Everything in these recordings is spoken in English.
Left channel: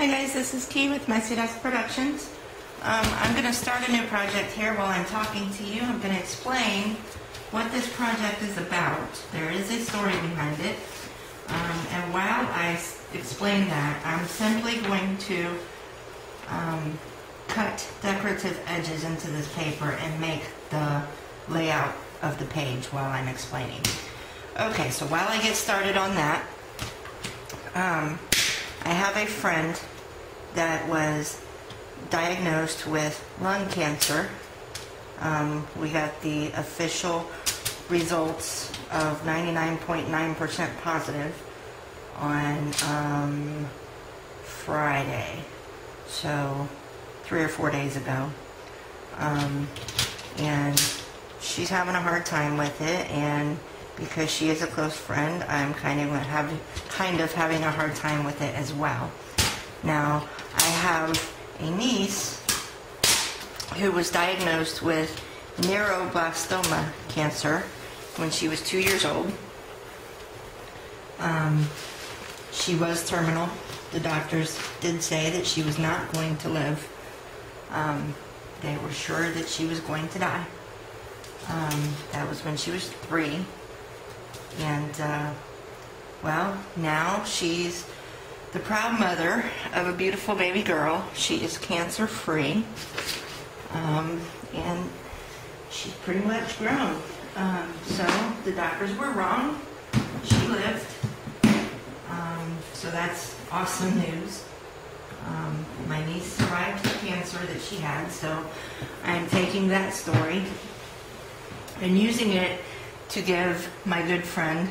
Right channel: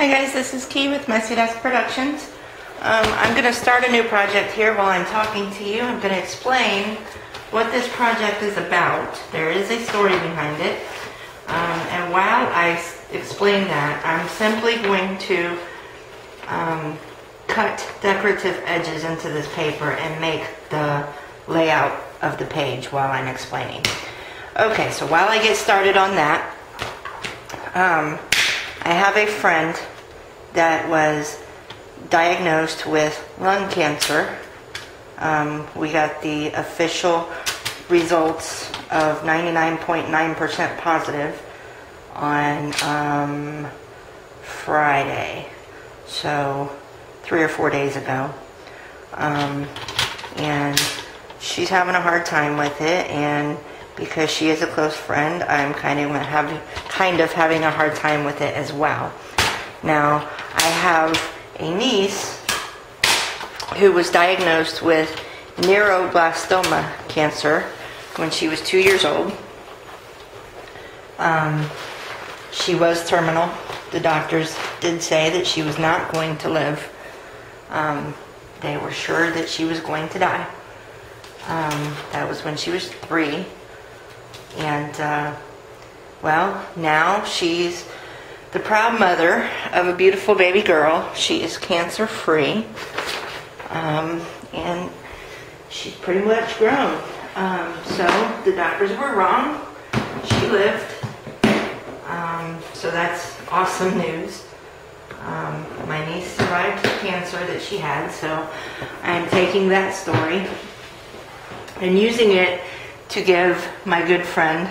Hi guys, this is Key with Messy Desk Productions. I'm going to start a new project here while I'm talking to you. I'm going to explain what this project is about. There is a story behind it. And while I explain that, I'm simply going to cut decorative edges into this paper and make the layout of the page while I'm explaining. Okay, so while I get started on that, I have a friend that was diagnosed with lung cancer. We got the official results of 99.9% positive on Friday, so 3 or 4 days ago. And she's having a hard time with it, and because she is a close friend, I'm kind of having a hard time with it as well. Now, I have a niece who was diagnosed with neuroblastoma cancer when she was 2 years old. She was terminal. The doctors did say that she was not going to live. They were sure that she was going to die. That was when she was 3. And, well, now she's the proud mother of a beautiful baby girl. She is cancer-free. And she's pretty much grown. So the doctors were wrong. She lived. So that's awesome news. My niece survived the cancer that she had, so I'm taking that story and using it to give my good friend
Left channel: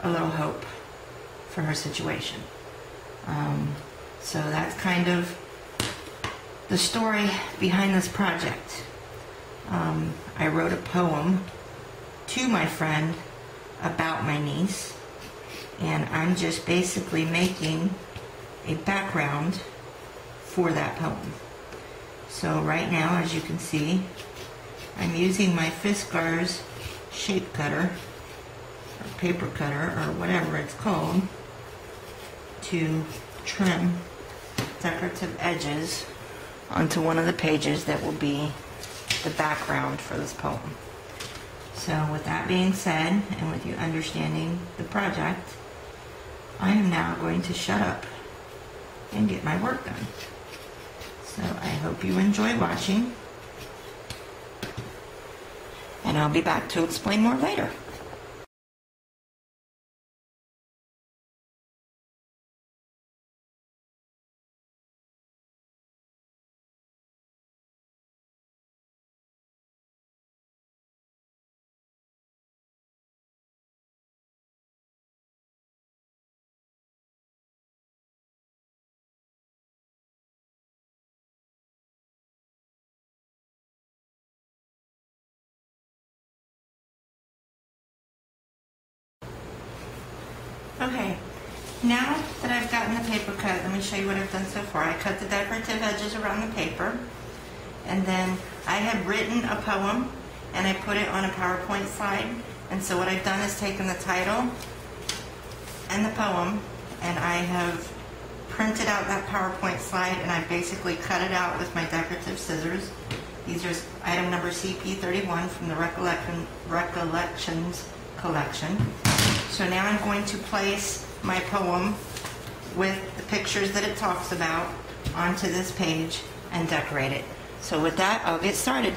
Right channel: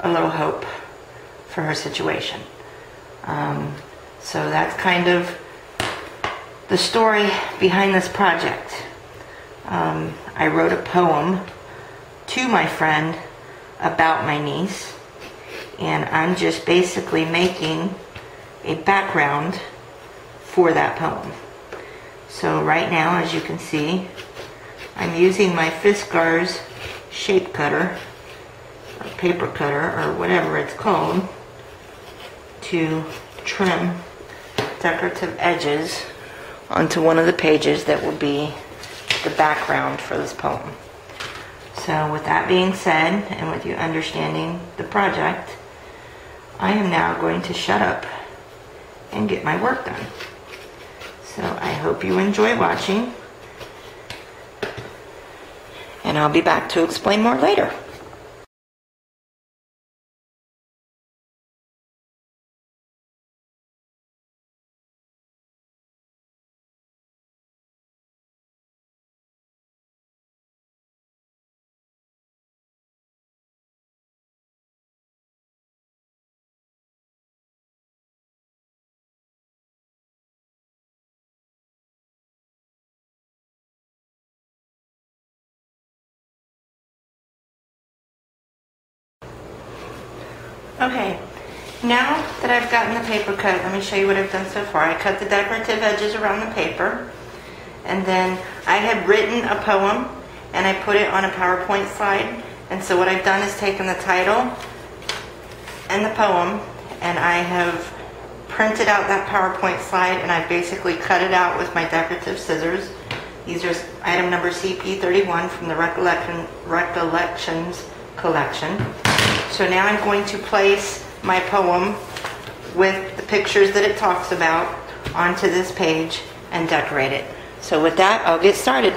a little hope for her situation. So that's kind of the story behind this project. I wrote a poem to my friend about my niece, and I'm just basically making a background for that poem. So right now, as you can see, I'm using my Fiskars shape cutter, or paper cutter, or whatever it's called, to trim decorative edges onto one of the pages that will be the background for this poem. So with that being said, and with you understanding the project, I am now going to shut up and get my work done. So I hope you enjoy watching, and I'll be back to explain more later. Okay, now that I've gotten the paper cut, let me show you what I've done so far. I cut the decorative edges around the paper, and then I had written a poem, and I put it on a PowerPoint slide. And so what I've done is taken the title and the poem, and I have printed out that PowerPoint slide, and I basically cut it out with my decorative scissors. These are item number CP31 from the Recollections collection. So now I'm going to place my poem with the pictures that it talks about onto this page and decorate it. So with that, I'll get started.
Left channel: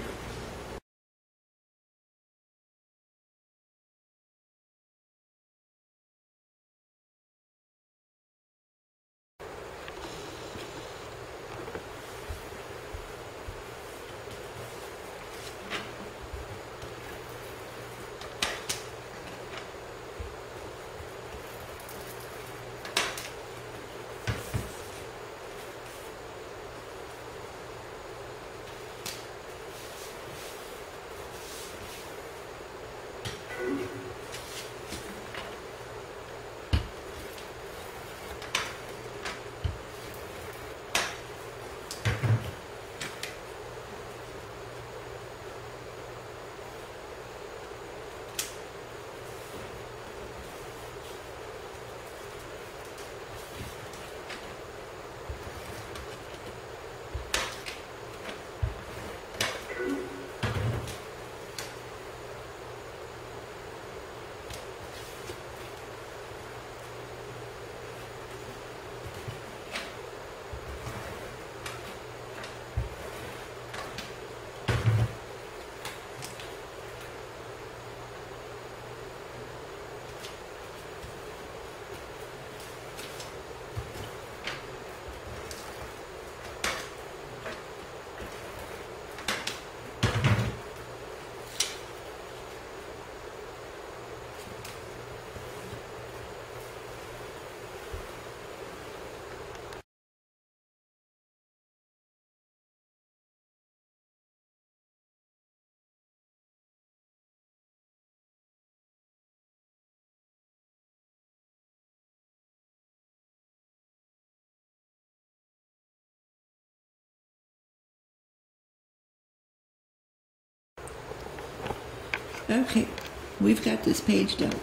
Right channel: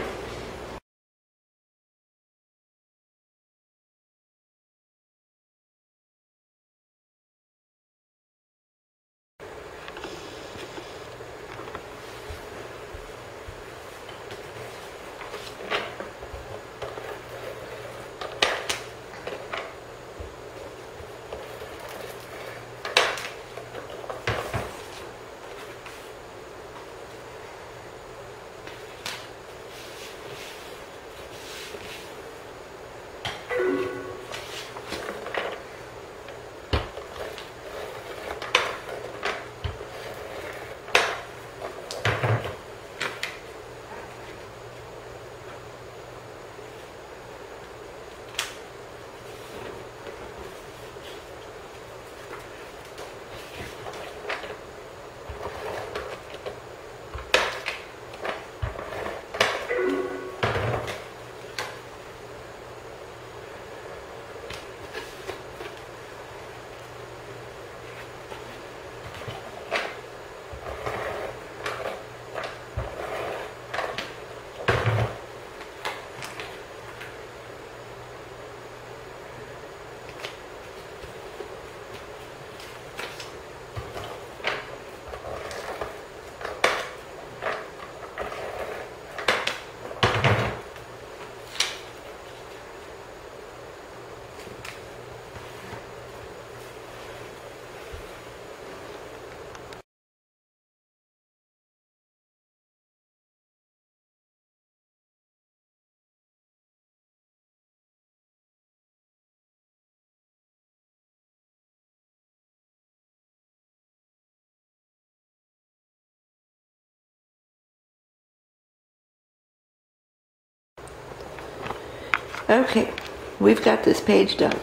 Okay, we've got this page done.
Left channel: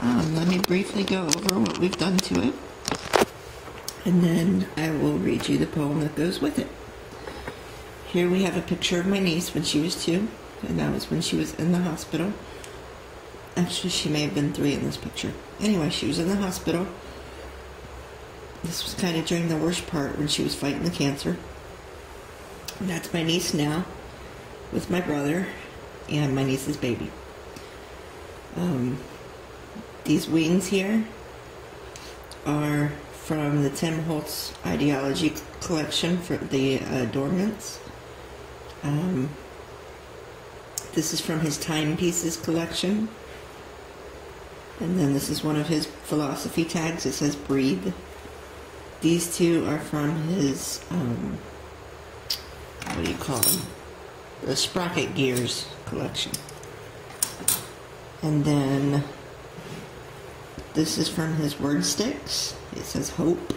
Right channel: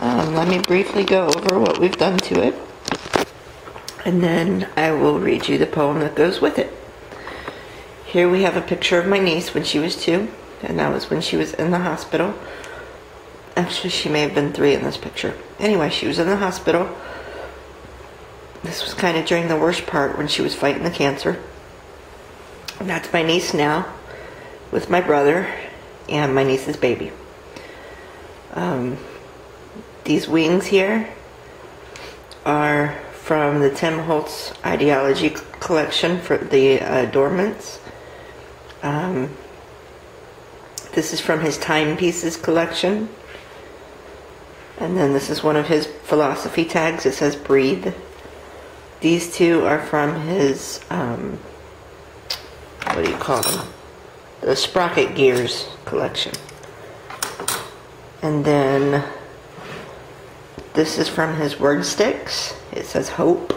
Let me briefly go over what we've done to it, and then I will read you the poem that goes with it. Here we have a picture of my niece when she was 2, and that was when she was in the hospital. Actually, she may have been 3 in this picture. Anyway, she was in the hospital. This was kind of during the worst part when she was fighting the cancer. And that's my niece now, with my brother and my niece's baby. These wings here are from the Tim Holtz Ideology collection for the adornments. This is from his timepieces collection. And then this is one of his philosophy tags. It says breathe. These two are from his, what do you call them? The Sprocket Gears collection. And then this is from his word sticks. It says hope.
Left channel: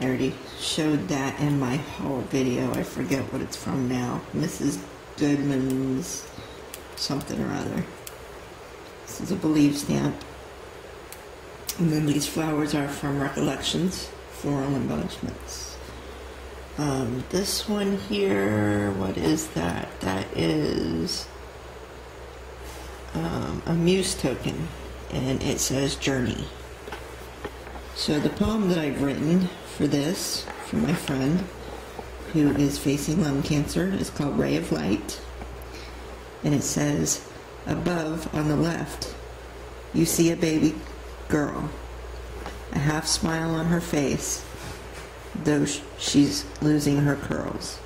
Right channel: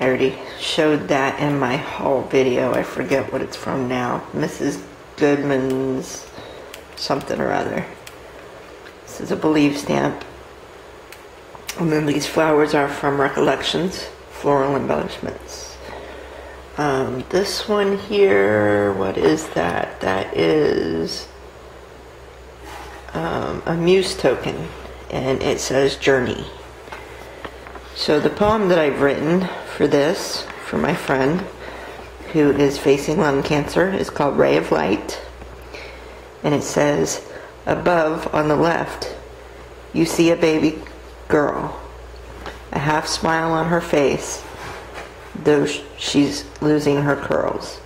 I already showed that in my haul video. I forget what it's from now. Mrs. Goodman's something or other. This is a believe stamp. And then these flowers are from Recollections, floral embellishments. This one here, what is that? That is a muse token, and it says journey. So the poem that I've written for this, for my friend who is facing lung cancer, is called Ray of Light. And it says, above on the left, you see a baby girl, a half smile on her face, though she's losing her curls.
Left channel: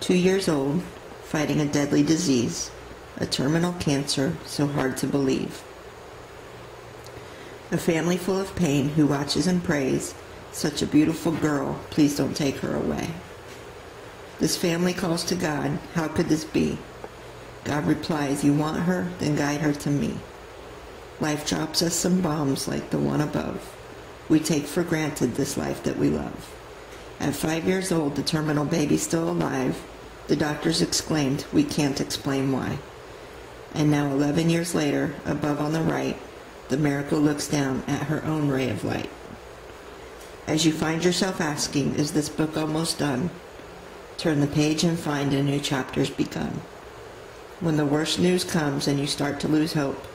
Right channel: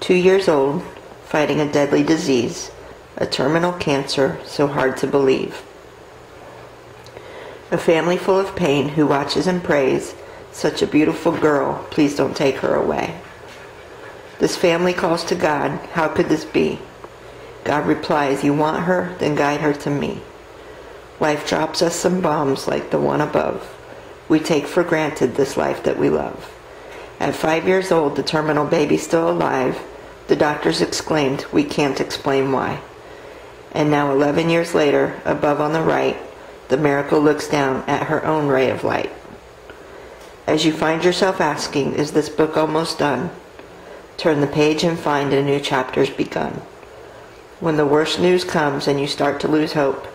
2 years old, fighting a deadly disease, a terminal cancer so hard to believe. A family full of pain who watches and prays, such a beautiful girl, please don't take her away. This family calls to God, how could this be? God replies, you want her, then guide her to me. Life drops us some bombs like the one above. We take for granted this life that we love. At 5 years old, the terminal baby still alive, the doctors exclaimed, we can't explain why. And now 11 years later, above on the right, the miracle looks down at her own ray of light. As you find yourself asking, is this book almost done? Turn the page and find a new chapter's begun. When the worst news comes and you start to lose hope,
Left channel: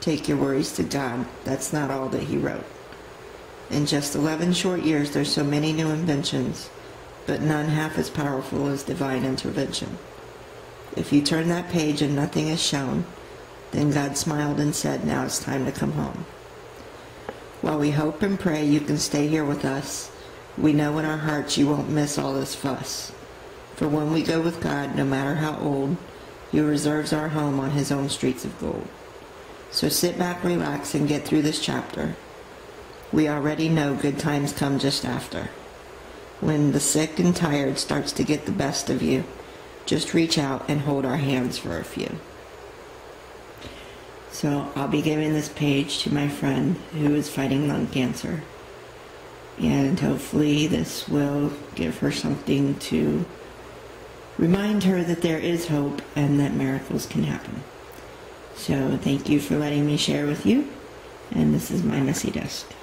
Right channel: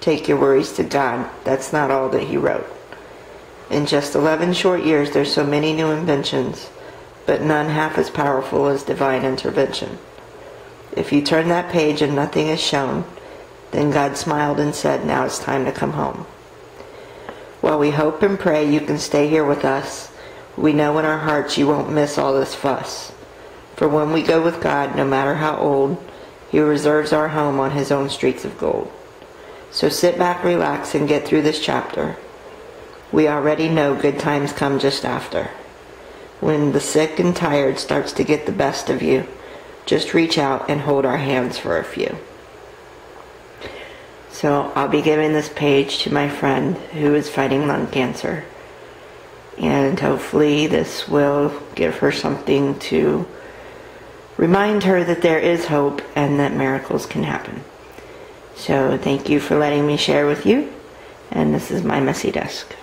take your worries to God. That's not all that he wrote. In just 11 short years, there's so many new inventions, but none half as powerful as divine intervention. If you turn that page and nothing is shown, then God smiled and said, now it's time to come home. While we hope and pray you can stay here with us, we know in our hearts you won't miss all this fuss. For when we go with God, no matter how old, he reserves our home on his own streets of gold. So sit back, relax, and get through this chapter. We already know good times come just after. When the sick and tired starts to get the best of you, just reach out and hold our hands for a few. So I'll be giving this page to my friend who is fighting lung cancer. And hopefully this will give her something to remind her that there is hope and that miracles can happen. So thank you for letting me share with you. And this is my messy desk.